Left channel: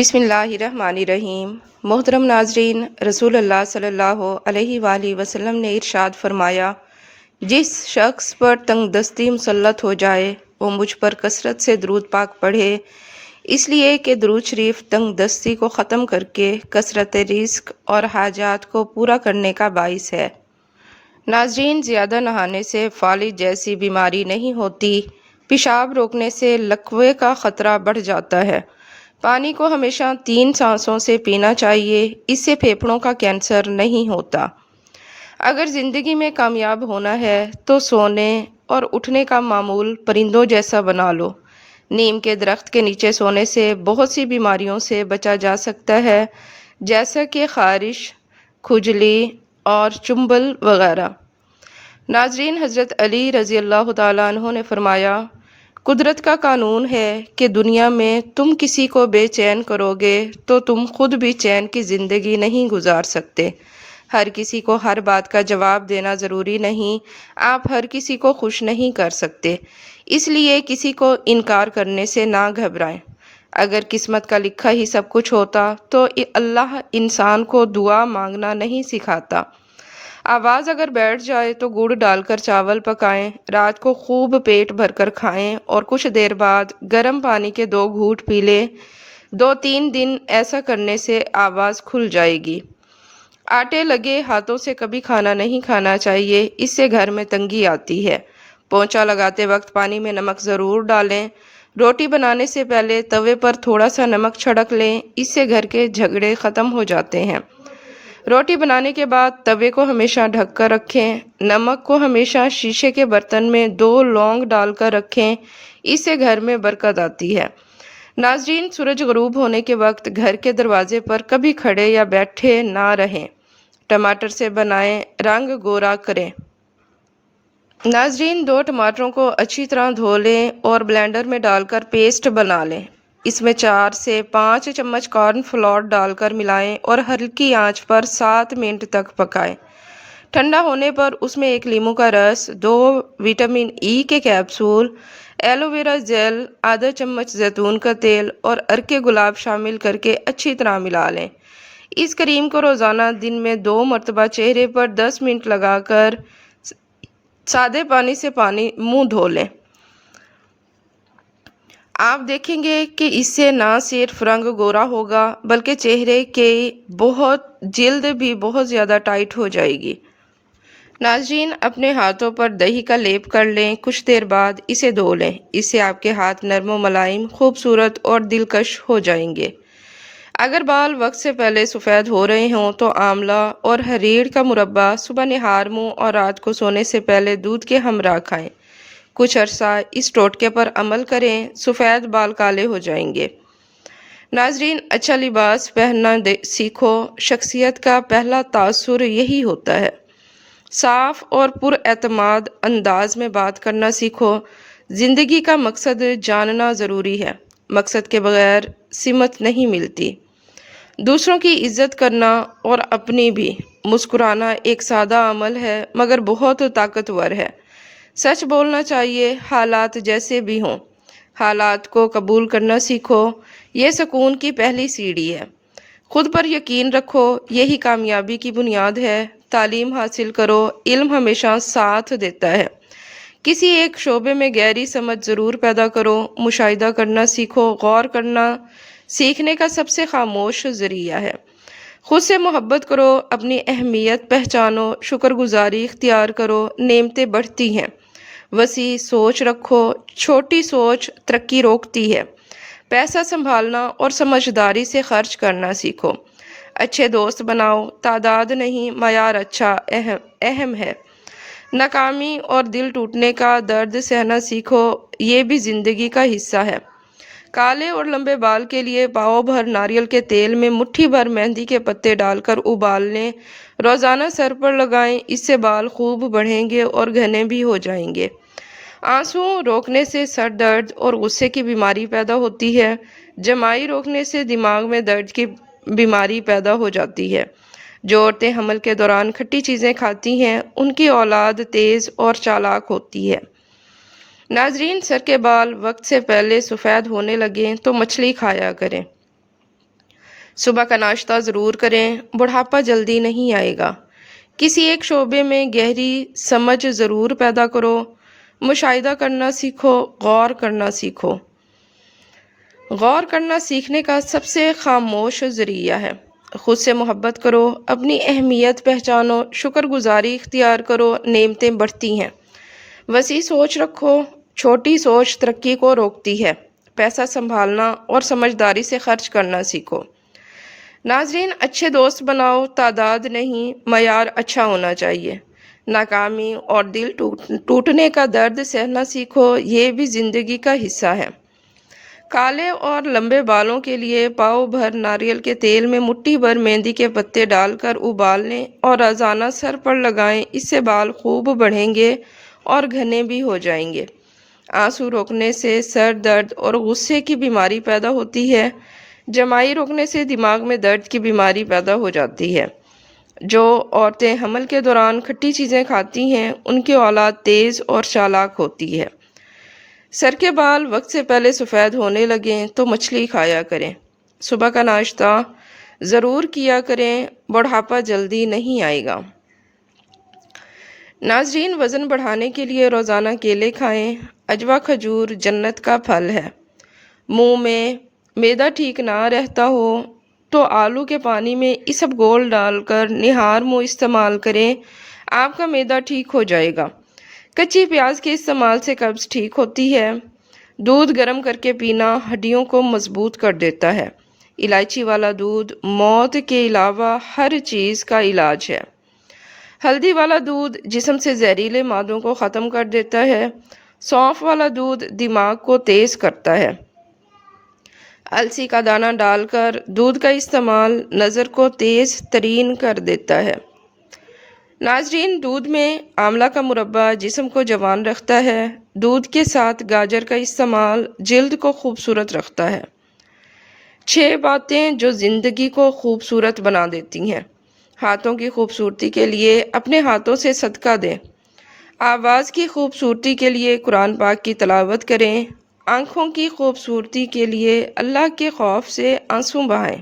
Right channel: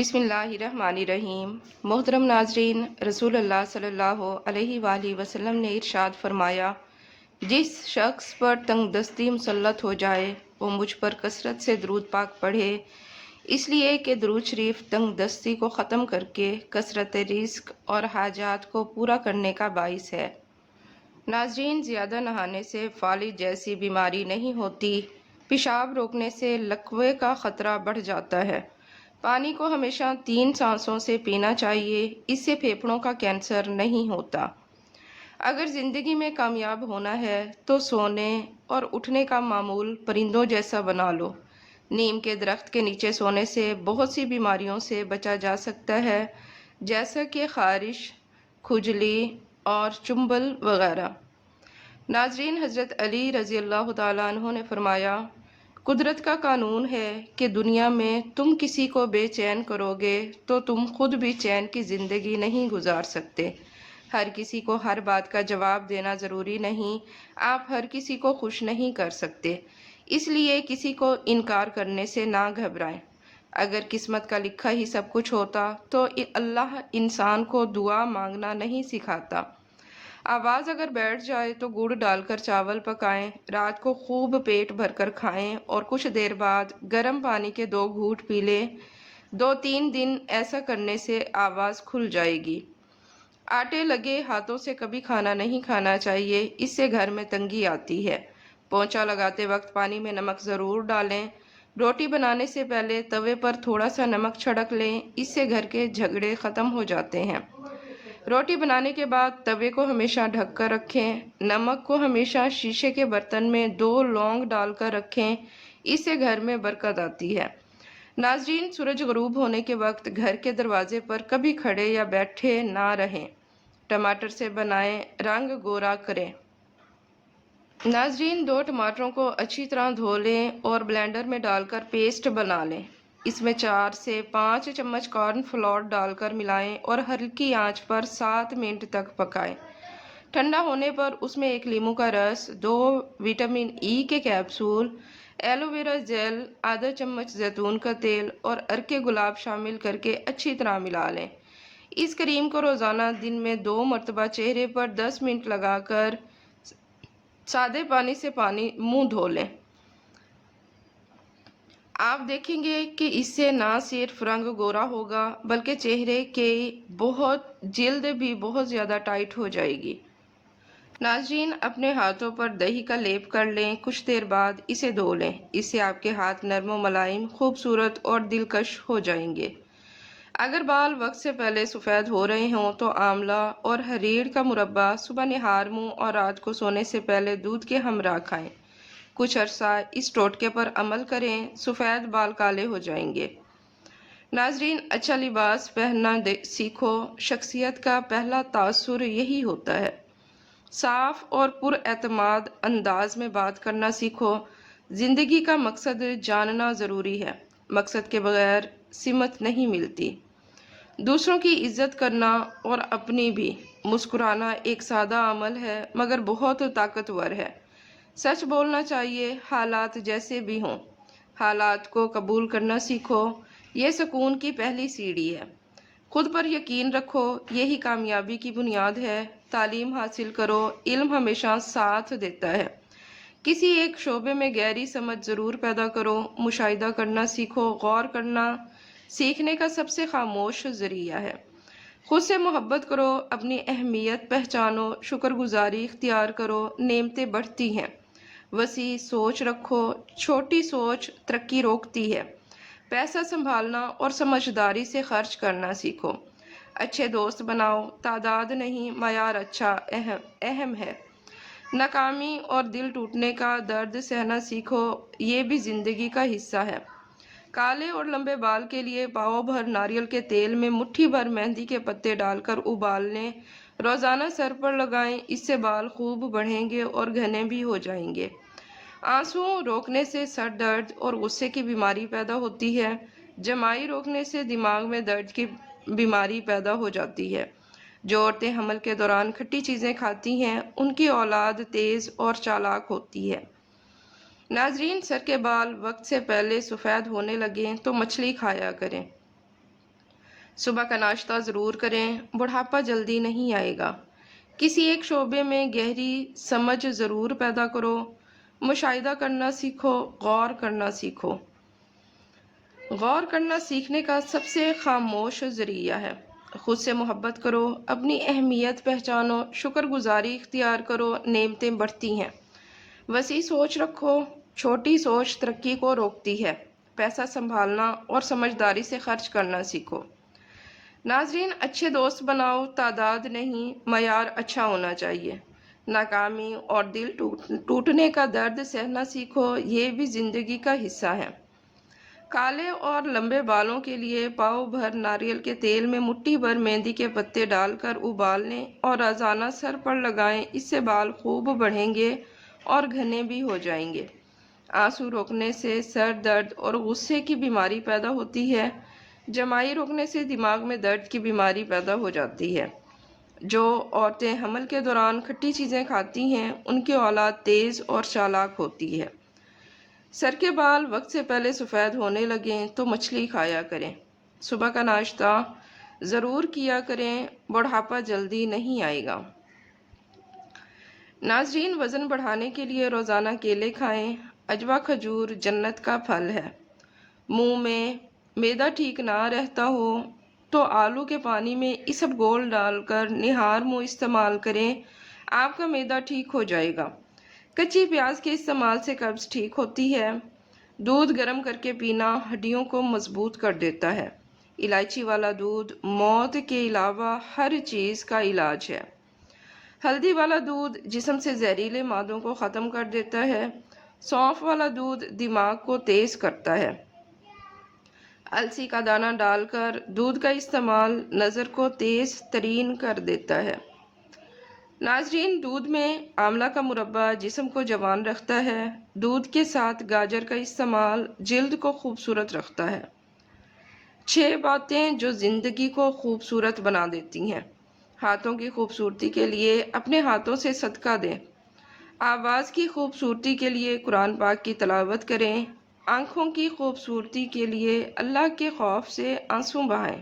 بسم اللہ الرحمن الرحیم۔ محترم ناظرین، رسول اللہ صلی اللہ علیہ وآلہ وسلم نے ارشاد فرمایا، جس شخص پر تنگ دستی مسلط ہو جائے وہ مجھ پر کثرت سے درود پاک پڑھے، اس لیے کہ درود شریف تنگ دستی کو ختم کر کے کثرت رزق اور حاجات کو پورا کرنے کا باعث ہے۔ ناظرین، زیادہ نہانے سے فالج جیسی بیماری نہیں ہوتی، پیشاب روکنے سے لکوے کا خطرہ بڑھ جاتا ہے۔ پانی کو ہمیشہ 3 سانسوں سے پینا چاہیے، اس سے پھیپھڑوں کا کینسر نہیں ہوتا۔ اگر زندگی میں کامیاب ہونا ہے تو سونے اور اٹھنے کا معمول پرندوں جیسا بنا لو۔ نیم کے درخت کے نیچے سونے سے بہت سی بیماریوں سے بچا جا سکتا ہے، جیسا کہ خارش، کھجلی اور چنبل وغیرہ۔ ناظرین، حضرت علی رضی اللہ تعالیٰ عنہ نے فرمایا، قدرت کا قانون ہے کہ دنیا میں تم کسی کو بے چین کرو گے تو تم خود بھی چین کی زندگی نہیں گزار سکتے۔ ہر کسی کو ہر بات کا جواب دینا ضروری نہیں، آپ ہر کسی کو خوش نہیں کر سکتے، اس لیے کسی کو انکار کرنے سے نہ گھبرائیں۔ اگر قسمت کا لکھا ہی سب کچھ ہوتا تو اللہ انسان کو دعا مانگنا نہیں سکھاتا۔ آواز اگر بیٹھ جائے تو گڑ ڈال کر چاول پکائیں، رات کو خوب پیٹ بھر کر کھائیں اور کچھ دیر بعد گرم پانی کے 2 گھونٹ پی لیں۔ 2-3 دن ایسا کرنے سے آواز کھل جائے گی۔ آٹے لگے ہاتھوں سے کبھی کھانا نہیں کھانا چاہیے، اس سے گھر میں تنگی آتی ہے۔ پونچھا لگاتے وقت پانی میں نمک ضرور ڈالیں۔ روٹی بنانے سے پہلے توے پر تھوڑا سا نمک چھڑک لیں، اس سے گھر کے جھگڑے ختم ہو جاتے ہیں۔ روٹی بنانے کے بعد توے کو ہمیشہ ڈھک کر رکھیں۔ نمک کو ہمیشہ شیشے کے برتن میں 2 لونگ ڈال کر رکھیں، اس سے گھر میں برکت آتی ہے۔ ناظرین، سورج غروب ہونے کے وقت گھر کے دروازے پر کبھی کھڑے یا بیٹھے نہ رہیں۔ ٹماٹر سے بنائیں، رنگ گورا کریں۔ ناظرین، 2 ٹماٹروں کو اچھی طرح دھو لیں اور بلینڈر میں ڈال کر پیسٹ بنا لیں۔ اس میں 4 سے 5 چمچ کارن فلور ڈال کر ملائیں اور ہلکی آنچ پر 7 منٹ تک پکائیں۔ ٹھنڈا ہونے پر اس میں 1 لیموں کا رس، 2 وٹامن ای کے کیپسول، ایلو ویرا جیل، آدھا چمچ زیتون کا تیل اور عرق گلاب شامل کر کے اچھی طرح ملا لیں۔ اس کریم کو روزانہ دن میں 2 مرتبہ چہرے پر 10 منٹ لگا کر سادے پانی سے منہ دھو لیں۔ آپ دیکھیں گے کہ اس سے نہ صرف رنگ گورا ہوگا بلکہ چہرے کی جلد بھی بہت زیادہ ٹائٹ ہو جائے گی۔ ناظرین، اپنے ہاتھوں پر دہی کا لیپ کر لیں، کچھ دیر بعد اسے دھو لیں، اس سے آپ کے ہاتھ نرم و ملائم، خوبصورت اور دلکش ہو جائیں گے۔ اگر بال وقت سے پہلے سفید ہو رہے ہوں تو آملہ اور ہریڑ کا مربع صبح نہار منہ اور رات کو سونے سے پہلے دودھ کے ہمراہ کھائیں۔ کچھ عرصہ اس ٹوٹکے پر عمل کریں، سفید بال کالے ہو جائیں گے۔ ناظرین، اچھا لباس پہننا سیکھو، شخصیت کا پہلا تاثر یہی ہوتا ہے۔ صاف اور پر اعتماد انداز میں بات کرنا سیکھو۔ زندگی کا مقصد جاننا ضروری ہے، مقصد کے بغیر سمت نہیں ملتی۔ دوسروں کی عزت کرنا اور اپنی بھی۔ مسکرانا ایک سادہ عمل ہے مگر بہت طاقتور ہے۔ سچ بولنا چاہیے، حالات جیسے بھی ہوں۔ حالات کو قبول کرنا سیکھو، یہ سکون کی پہلی سیڑھی ہے۔ خود پر یقین رکھو، یہی کامیابی کی بنیاد ہے۔ تعلیم حاصل کرو، علم ہمیشہ ساتھ دیتا ہے۔ کسی ایک شعبے میں گہری سمجھ ضرور پیدا کرو، مشاہدہ کرنا سیکھو، غور کرنا سیکھنے کا سب سے خاموش ذریعہ ہے۔ خود سے محبت کرو، اپنی اہمیت پہچانو، شکر گزاری اختیار کرو، نعمتیں بڑھتی ہیں۔ وسیع سوچ رکھو، چھوٹی سوچ ترقی روکتی ہے۔ پیسہ سنبھالنا اور سمجھداری سے خرچ کرنا سیکھو۔ اچھے دوست بناؤ، تعداد نہیں معیار اچھا اہم ہے۔ ناکامی اور دل ٹوٹنے کا درد سہنا سیکھو، یہ بھی زندگی کا حصہ ہے۔ کالے اور لمبے بال کے لیے پاؤ بھر ناریل کے تیل میں مٹھی بھر مہندی کے پتے ڈال کر ابال لیں، روزانہ سر پر لگائیں، اس سے بال خوب بڑھیں گے اور گھنے بھی ہو جائیں گے۔ آنسو روکنے سے سر درد اور غصے کی بیماری پیدا ہوتی ہے۔ جمائی روکنے سے دماغ میں درد کی بیماری پیدا ہو جاتی ہے۔ جو عورتیں حمل کے دوران کھٹی چیزیں کھاتی ہیں ان کی اولاد تیز اور چالاک ہوتی ہے۔ ناظرین، سر کے بال وقت سے پہلے سفید ہونے لگیں تو مچھلی کھایا کریں۔ صبح کا ناشتہ ضرور کریں، بڑھاپا جلدی نہیں آئے گا۔ کسی ایک شعبے میں گہری سمجھ ضرور پیدا کرو، مشاہدہ کرنا سیکھو، غور کرنا سیکھو۔ غور کرنا سیکھنے کا سب سے خاموش ذریعہ ہے۔ خود سے محبت کرو، اپنی اہمیت پہچانو، شکر گزاری اختیار کرو، نعمتیں بڑھتی ہیں۔ وسیع سوچ رکھو، چھوٹی سوچ ترقی کو روکتی ہے۔ پیسہ سنبھالنا اور سمجھداری سے خرچ کرنا سیکھو۔ ناظرین، اچھے دوست بناؤ، تعداد نہیں، معیار اچھا ہونا چاہیے۔ ناکامی اور دل ٹوٹنے کا درد سہنا سیکھو، یہ بھی زندگی کا حصہ ہے۔ کالے اور لمبے بالوں کے لیے پاؤ بھر ناریل کے تیل میں مٹھی بھر مہندی کے پتے ڈال کر ابال لیں اور روزانہ سر پر لگائیں، اس سے بال خوب بڑھیں گے اور گھنے بھی ہو جائیں گے۔ آنسو روکنے سے سر درد اور غصے کی بیماری پیدا ہوتی ہے۔ جمائی روکنے سے دماغ میں درد کی بیماری پیدا ہو جاتی ہے۔ جو عورتیں حمل کے دوران کھٹی چیزیں کھاتی ہیں، ان کی اولاد تیز اور چالاک ہوتی ہے۔ سر کے بال وقت سے پہلے سفید ہونے لگیں تو مچھلی کھایا کریں۔ صبح کا ناشتہ ضرور کیا کریں، بڑھاپا جلدی نہیں آئے گا۔ ناظرین، وزن بڑھانے کے لیے روزانہ کیلے کھائیں۔ عجوا کھجور جنت کا پھل ہے۔ منہ میں معدہ ٹھیک نہ رہتا ہو تو آلو کے پانی میں اسبگول ڈال کر نہار منہ استعمال کریں، آپ کا معدہ ٹھیک ہو جائے گا۔ کچی پیاز کے استعمال سے قبض ٹھیک ہوتی ہے۔ دودھ گرم کر کے پینا ہڈیوں کو مضبوط کر دیتا ہے۔ الائچی والا دودھ موت کے علاوہ ہر چیز کا علاج ہے۔ ہلدی والا دودھ جسم سے زہریلے مادوں کو ختم کر دیتا ہے۔ سونف والا دودھ دماغ کو تیز کرتا ہے۔ السی کا دانہ ڈال کر دودھ کا استعمال نظر کو تیز ترین کر دیتا ہے۔ ناظرین، دودھ میں آملہ کا مربع جسم کو جوان رکھتا ہے۔ دودھ کے ساتھ گاجر کا استعمال جلد کو خوبصورت رکھتا ہے۔ 6 باتیں جو زندگی کو خوبصورت بنا دیتی ہیں۔ ہاتھوں کی خوبصورتی کے لیے اپنے ہاتھوں سے صدقہ دیں۔ آواز کی خوبصورتی کے لیے قرآن پاک کی تلاوت کریں۔ آنکھوں کی خوبصورتی کے لیے اللہ کے خوف سے آنسو بہائیں۔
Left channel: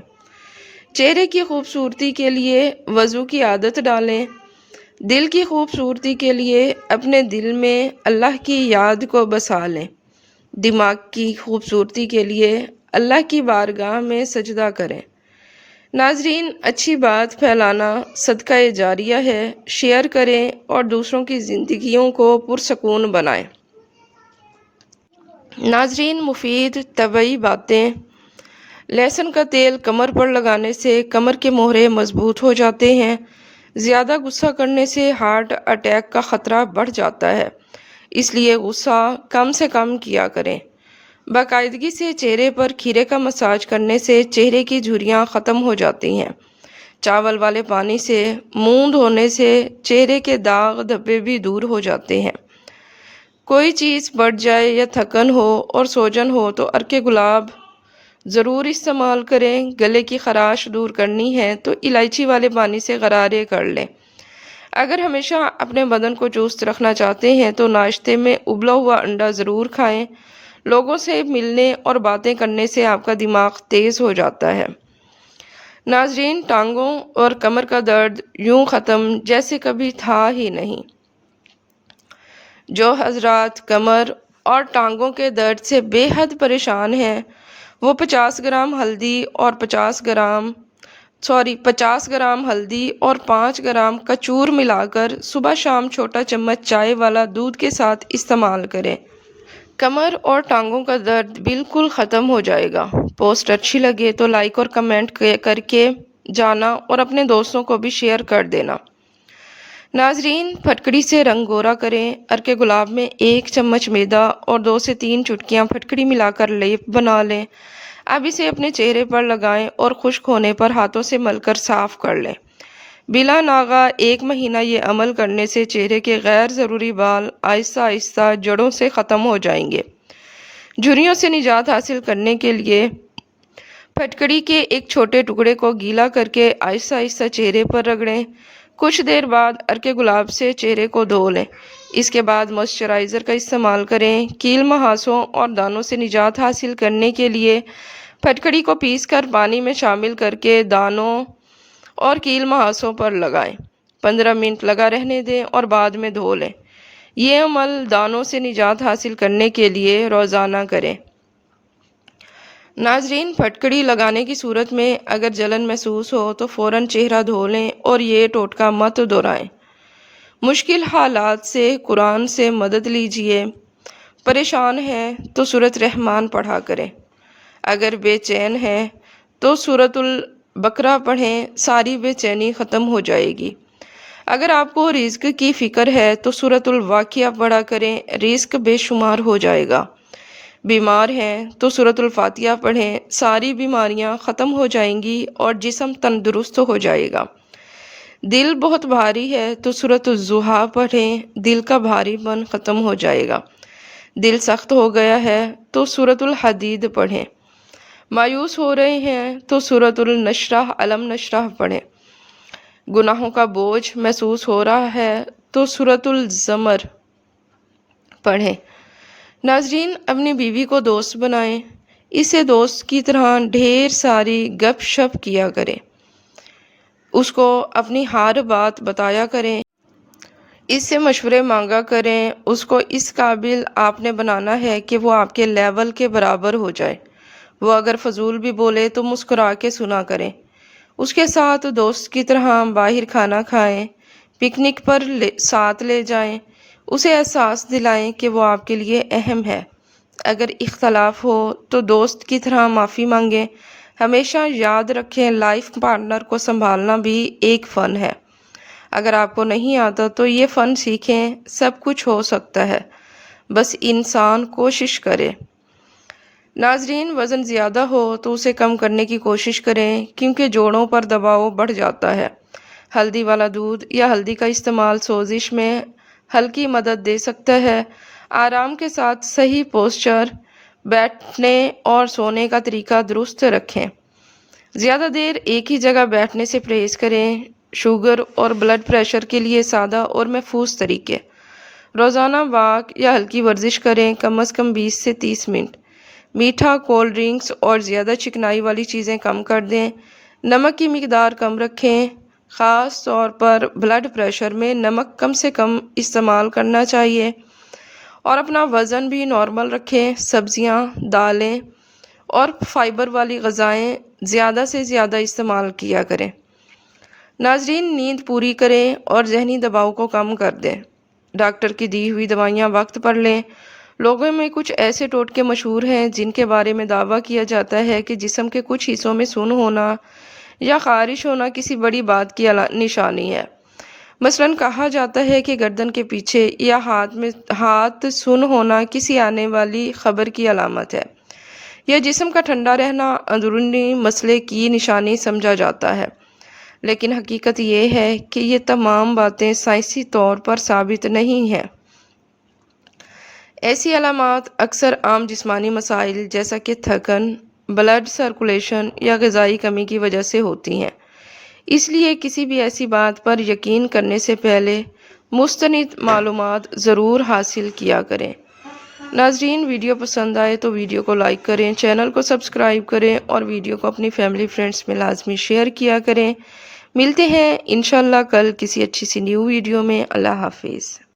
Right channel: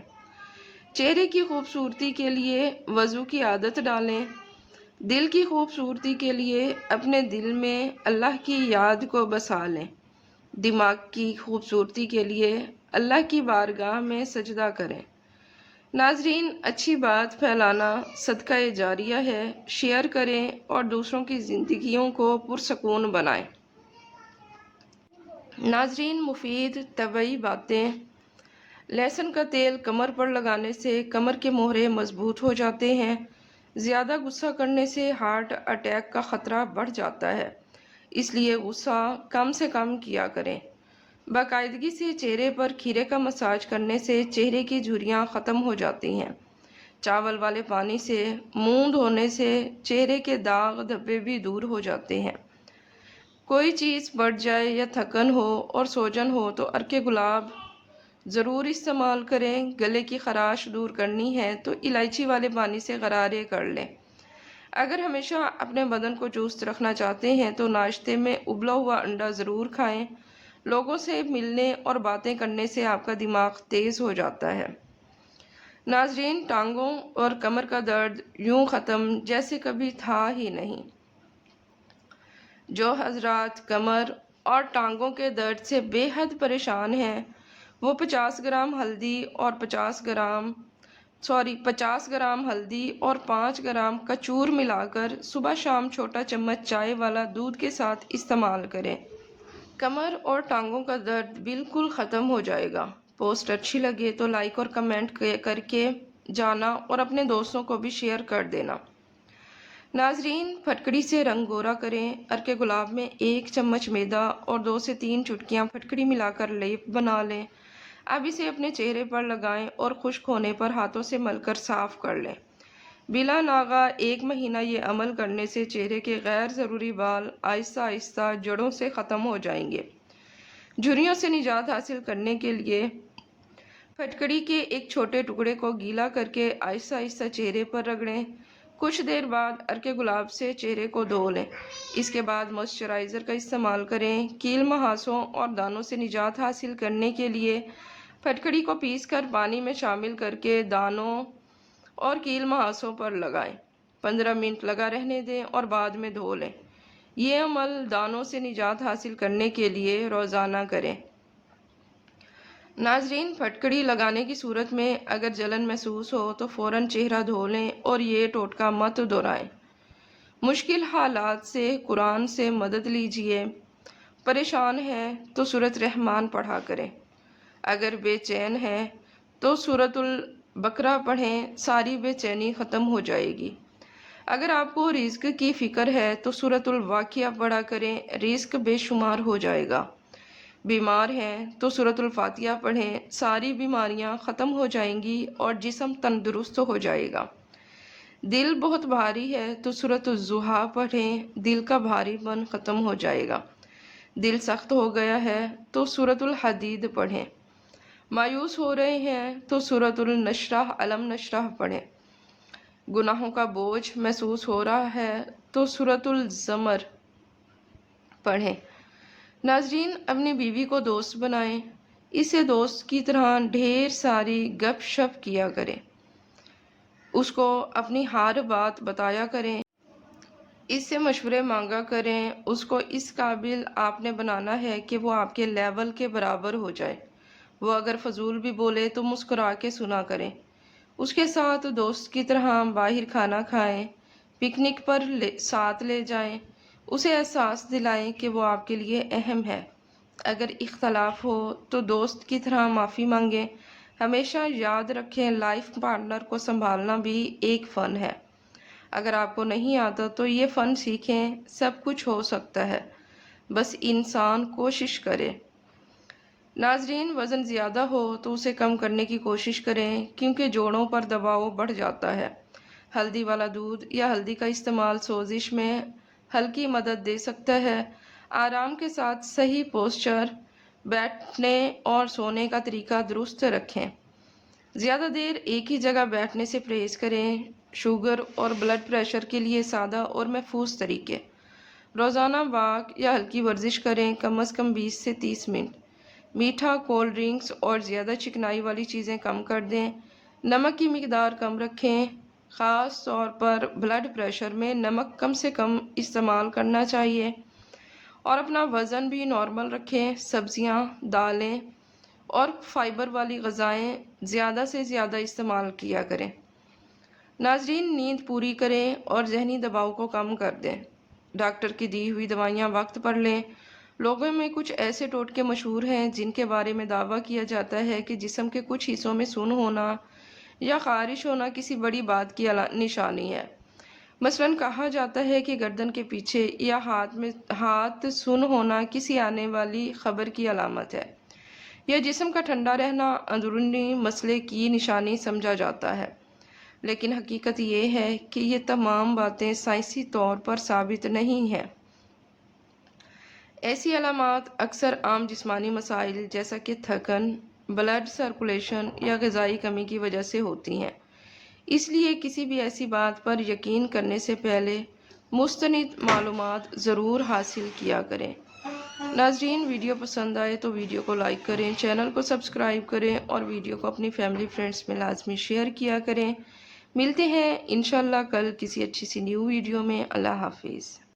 چہرے کی خوبصورتی کے لیے وضو کی عادت ڈالیں۔ دل کی خوبصورتی کے لیے اپنے دل میں اللہ کی یاد کو بسا لیں۔ دماغ کی خوبصورتی کے لیے اللہ کی بارگاہ میں سجدہ کریں۔ ناظرین، اچھی بات پھیلانا صدقہ جاریہ ہے۔ شیئر کریں اور دوسروں کی زندگیوں کو پرسکون بنائیں۔ ناظرین، مفید طبعی باتیں۔ لہسن کا تیل کمر پر لگانے سے کمر کے موہرے مضبوط ہو جاتے ہیں۔ زیادہ غصہ کرنے سے ہارٹ اٹیک کا خطرہ بڑھ جاتا ہے، اس لیے غصہ کم سے کم کیا کریں۔ باقاعدگی سے چہرے پر کھیرے کا مساج کرنے سے چہرے کی جھریاں ختم ہو جاتی ہیں۔ چاول والے پانی سے منہ دھونے سے چہرے کے داغ دھبے بھی دور ہو جاتے ہیں۔ کوئی چیز بڑھ جائے یا تھکن ہو اور سوجن ہو تو عرق گلاب ضرور استعمال کریں۔ گلے کی خراش دور کرنی ہے تو الائچی والے پانی سے غرارے کر لیں۔ اگر ہمیشہ اپنے بدن کو چست رکھنا چاہتے ہیں تو ناشتے میں ابلا ہوا انڈا ضرور کھائیں۔ لوگوں سے ملنے اور باتیں کرنے سے آپ کا دماغ تیز ہو جاتا ہے۔ ناظرین، ٹانگوں اور کمر کا درد یوں ختم جیسے کبھی تھا ہی نہیں۔ جو حضرات کمر اور ٹانگوں کے درد سے بے حد پریشان ہیں، وہ 50 گرام ہلدی اور 50 گرام ہلدی اور 5 گرام کچور ملا کر صبح شام چھوٹا چمچ چائے والا دودھ کے ساتھ استعمال کریں۔ کمر اور ٹانگوں کا درد بالکل ختم ہو جائے گا۔ پوسٹ اچھی لگے تو لائک اور کمنٹ کر کے جانا اور اپنے دوستوں کو بھی شیئر کر دینا۔ ناظرین، پھٹکڑی سے رنگ گورا کریں۔ عرق گلاب میں 1 چمچ میدا اور 2 سے 3 چٹکیاں پھٹکڑی ملا کر لیپ بنا لیں۔ اب اسے اپنے چہرے پر لگائیں اور خشک ہونے پر ہاتھوں سے مل کر صاف کر لیں۔ بلا ناغہ 1 مہینہ یہ عمل کرنے سے چہرے کے غیر ضروری بال آہستہ آہستہ جڑوں سے ختم ہو جائیں گے۔ جھریوں سے نجات حاصل کرنے کے لیے پھٹکڑی کے ایک چھوٹے ٹکڑے کو گیلا کر کے آہستہ آہستہ چہرے پر رگڑیں۔ کچھ دیر بعد عرق گلاب سے چہرے کو دھو لیں۔ اس کے بعد موئسچرائزر کا استعمال کریں۔ کیل مہاسوں اور دانوں سے نجات حاصل کرنے کے لیے پھٹکڑی کو پیس کر پانی میں شامل کر کے دانوں اور کیل محاذوں پر لگائیں۔ 15 منٹ لگا رہنے دیں اور بعد میں دھو لیں۔ یہ عمل دانوں سے نجات حاصل کرنے کے لیے روزانہ کریں۔ ناظرین، پھٹکڑی لگانے کی صورت میں اگر جلن محسوس ہو تو فوراً چہرہ دھو لیں اور یہ ٹوٹکا مت دہرائیں۔ مشکل حالات سے قرآن سے مدد لیجیے۔ پریشان ہیں تو سورۃ رحمان پڑھا کریں۔ اگر بے چین ہیں تو سورۃ البقرہ پڑھیں، ساری بے چینی ختم ہو جائے گی۔ اگر آپ کو رزق کی فکر ہے تو سورۃ الواقعہ پڑھا کریں، رزق بے شمار ہو جائے گا۔ بیمار ہیں تو سورۃ الفاتحہ پڑھیں، ساری بیماریاں ختم ہو جائیں گی اور جسم تندرست ہو جائے گا۔ دل بہت بھاری ہے تو سورۃ الضحیٰ پڑھیں، دل کا بھاری پن ختم ہو جائے گا۔ دل سخت ہو گیا ہے تو سورۃ الحدید پڑھیں۔ مایوس ہو رہے ہیں تو سورۃ النشرح علم نشرح پڑھیں۔ گناہوں کا بوجھ محسوس ہو رہا ہے تو سورۃ الزمر پڑھیں۔ ناظرین، اپنی بیوی کو دوست بنائیں، اسے دوست کی طرح ڈھیر ساری گپ شپ کیا کریں، اس کو اپنی ہر بات بتایا کریں، اس سے مشورے مانگا کریں۔ اس کو اس قابل آپ نے بنانا ہے کہ وہ آپ کے لیول کے برابر ہو جائے۔ وہ اگر فضول بھی بولے تو مسکرا کے سنا کریں۔ اس کے ساتھ دوست کی طرح باہر کھانا کھائیں، پکنک پر ساتھ لے جائیں، اسے احساس دلائیں کہ وہ آپ کے لیے اہم ہے۔ اگر اختلاف ہو تو دوست کی طرح معافی مانگیں۔ ہمیشہ یاد رکھیں، لائف پارٹنر کو سنبھالنا بھی ایک فن ہے۔ اگر آپ کو نہیں آتا تو یہ فن سیکھیں، سب کچھ ہو سکتا ہے، بس انسان کوشش کرے۔ ناظرین، وزن زیادہ ہو تو اسے کم کرنے کی کوشش کریں کیونکہ جوڑوں پر دباؤ بڑھ جاتا ہے۔ ہلدی والا دودھ یا ہلدی کا استعمال سوزش میں ہلکی مدد دے سکتا ہے۔ آرام کے ساتھ صحیح پوسچر، بیٹھنے اور سونے کا طریقہ درست رکھیں۔ زیادہ دیر ایک ہی جگہ بیٹھنے سے پرہیز کریں۔ شوگر اور بلڈ پریشر کے لیے سادہ اور محفوظ طریقے: روزانہ واک یا ہلکی ورزش کریں، کم از کم 20 سے 30 منٹ۔ میٹھا، کولڈ ڈرنکس اور زیادہ چکنائی والی چیزیں کم کر دیں۔ نمک کی مقدار کم رکھیں، خاص طور پر بلڈ پریشر میں نمک کم سے کم استعمال کرنا چاہیے، اور اپنا وزن بھی نارمل رکھیں۔ سبزیاں، دالیں اور فائبر والی غذائیں زیادہ سے زیادہ استعمال کیا کریں۔ ناظرین، نیند پوری کریں اور ذہنی دباؤ کو کم کر دیں۔ ڈاکٹر کی دی ہوئی دوائیاں وقت پر لیں۔ لوگوں میں کچھ ایسے ٹوٹکے مشہور ہیں جن کے بارے میں دعویٰ کیا جاتا ہے کہ جسم کے کچھ حصوں میں سن ہونا یا خارش ہونا کسی بڑی بات کی نشانی ہے۔ مثلاً کہا جاتا ہے کہ گردن کے پیچھے یا ہاتھ سن ہونا کسی آنے والی خبر کی علامت ہے، یا جسم کا ٹھنڈا رہنا اندرونی مسئلے کی نشانی سمجھا جاتا ہے، لیکن حقیقت یہ ہے کہ یہ تمام باتیں سائنسی طور پر ثابت نہیں ہیں۔ ایسی علامات اکثر عام جسمانی مسائل جیسا کہ تھکن، بلڈ سرکولیشن یا غذائی کمی کی وجہ سے ہوتی ہیں۔ اس لیے کسی بھی ایسی بات پر یقین کرنے سے پہلے مستند معلومات ضرور حاصل کیا کریں۔ ناظرین، ویڈیو پسند آئے تو ویڈیو کو لائک کریں، چینل کو سبسکرائب کریں اور ویڈیو کو اپنی فیملی فرینڈز میں لازمی شیئر کیا کریں۔ ملتے ہیں انشاءاللہ کل کسی اچھی سی نیو ویڈیو میں۔ اللہ حافظ۔